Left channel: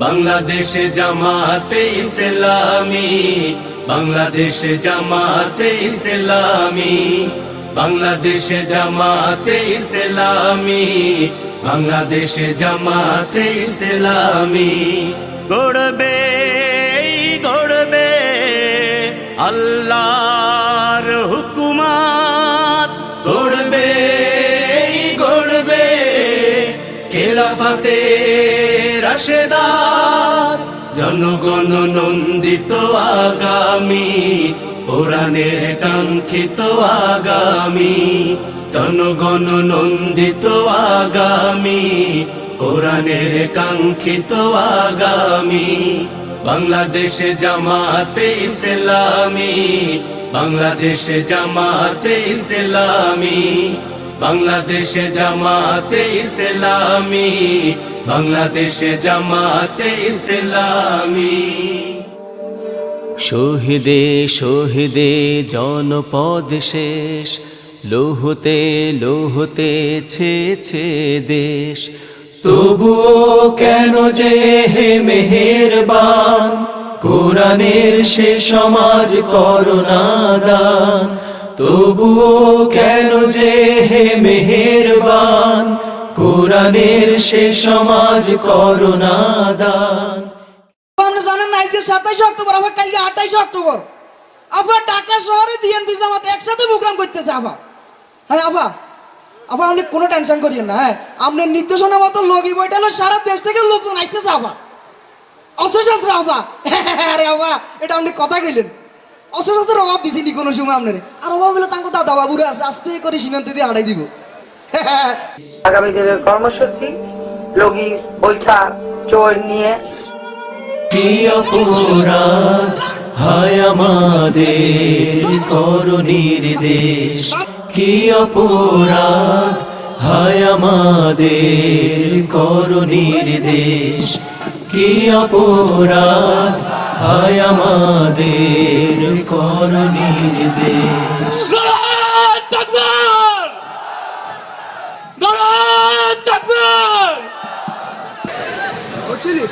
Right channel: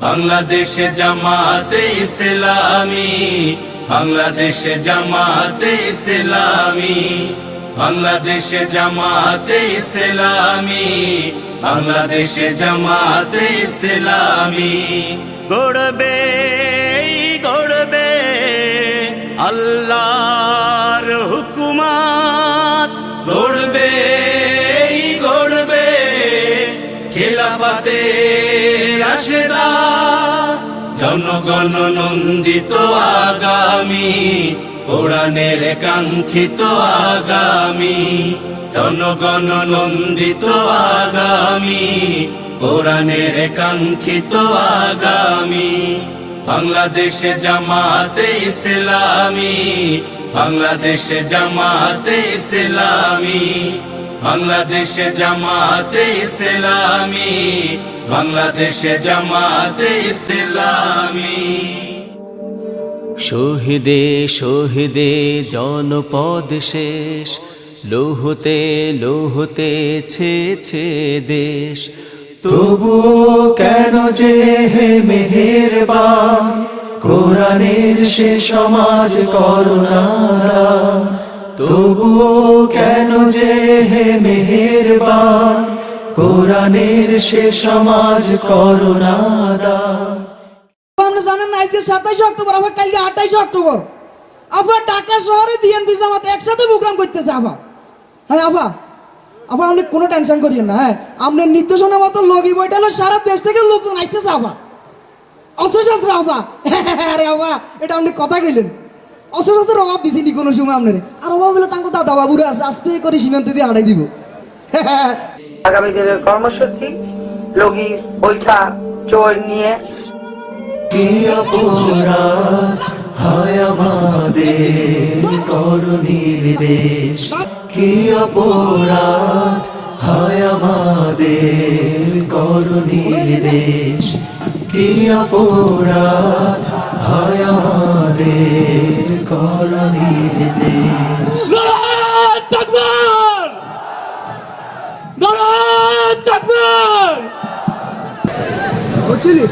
বাংলাদেশে জামাতে ইসলামী, বাংলাদেশে জামাতে ইসলামী, বাংলাদেশে জামাতে ইসলামী, বাংলাদেশে জামাতে ইসলামী। গড়বে গড়বে আল্লাহর হুকুমত, গড়বে গড়বে খেলাফতে রাশেদা, জনগণ নন্দিত আগামী, কোরআনের কাঙ্ক্ষিত আগামী, জনগণ নন্দিত আগামী, কোরআনের কাঙ্ক্ষিত আগামী। বাংলাদেশে জামাতে ইসলামী, বাংলাদেশে জামাতে ইসলামী, বাংলাদেশে জামাতে ইসলামী, বাংলাদেশে জামাতে ইসলামী। শহীদে শহীদে জনপদ শেষ, লৌহতে লৌহতে ছেছে দেশ। তবুও কেন যে হে মেহেরবান, কোরআনের সে সমাজ করোনা দান। তবুও কেন যে হে মেহেরবান, কোরআনের সে সমাজ করোনা দান। আপনি জানেন না আজকে 27 অক্টোবর, আবার কালকে 28 অক্টোবর। আবার ঢাকা শহরে বিএনপি জামাত একসাথে প্রোগ্রাম করতেছে। আবার হ্যাঁ আবার আপনি কোনো টেনশন করিয়েন না। হ্যাঁ আপনার নির্দেশনা মতো লগি বইটালো সারা দেশ থেকে লোকজন আসতেছে। আবার অস্ত্রশস্ত্র আবার আরে আবার এটা আপনি কথা কইলেন। অস্ত্রশস্ত্রের অভাব দিছিনি কোনো সময় আপনার। আর অভাব হলে তাঙ্ক দাদা বাবুরা আস্তে করে সীমান্তে দিয়ে হারাই দিব। আগামী দিনের কর্মসূচি লগি বৈঠা চোর নিয়ে। কি অপরাধ হায় আমাদের করণীর দেশ, কি অপরাধ হায় আমাদের করণীর দেশ, কি অপরাধ হায় আমাদের করণীর দেশ। বুঝলি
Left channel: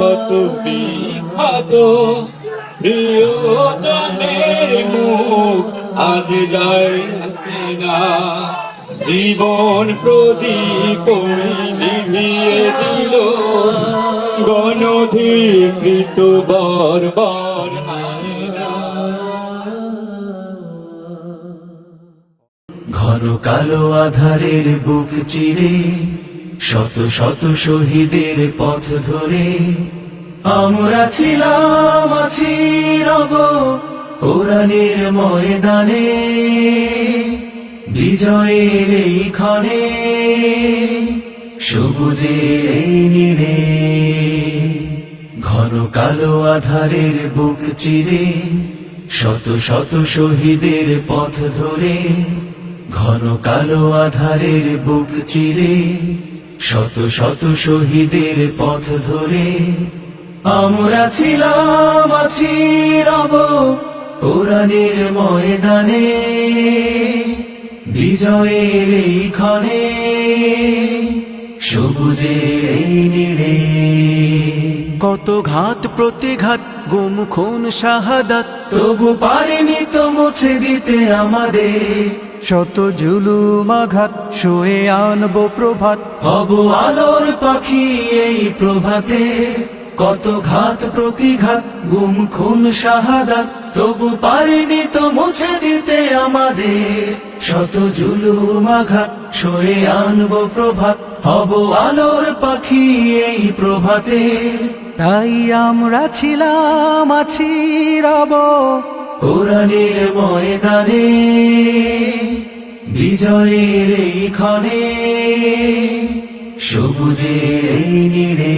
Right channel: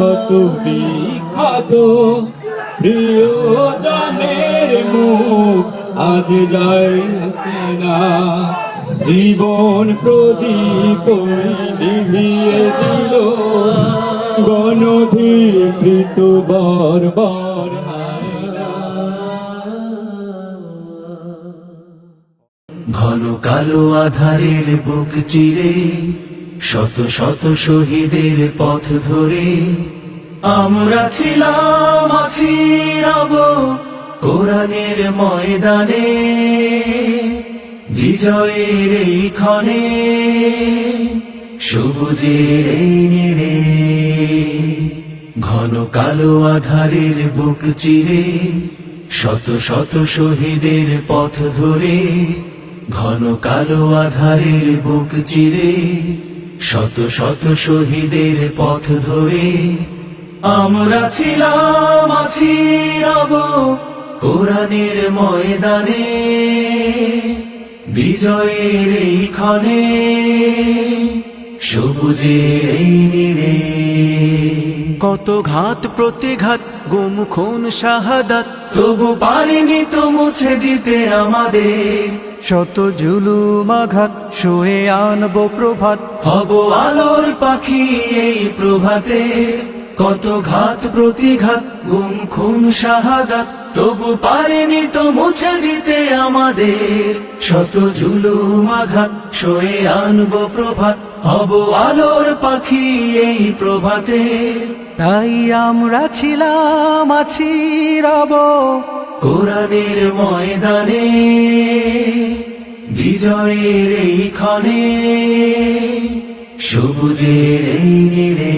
কত বিখ্যাত প্রিয়জনের মুখ আজ যায় না, জীবন প্রদীপ নিভিয়ে দিল গণধিকৃত বর্বর। ঘন কালো আধারের বুক চিরে শত শত শহীদের পথ ধরে আমরা ছিলাম আছি রব কোরআনের ময়দানে, বিজয়ের এই ক্ষণে সবুজের এই নীড়ে। ঘন কালো আধারের বুক চিরে শত শত শহীদের পথ ধরে, ঘন কালো আধারের বুক চিরে শত শত শহীদের পথ ধরে আমরা ছিলাম আছি রব কোরআনের ময়দানে, বিজয়ের এই ক্ষণে সবুজের এই নীড়ে। কত ঘাত প্রতিঘাত গুম খুন শাহাদাত, তবু পারিনি তো মুছে দিতে আমাদের শত জুলুম আঘাত, শুয়ে আনবো প্রভাত। হব আলোর পাখি এই প্রভাতে, কত ঘাত প্রতিঘাত গুম খুন শাহাদাত, তবু পারিনি তো মুছে দিতে আমাদের শত জুলুম আঘাত, শুয়ে আনবো প্রভাত। হব আলোর পাখি এই প্রভাতে, তাই আমরা ছিলাম আছি রব কোরআনের ময়দানে, বিজয়ের এই ক্ষণে সবুজের এই নীড়ে।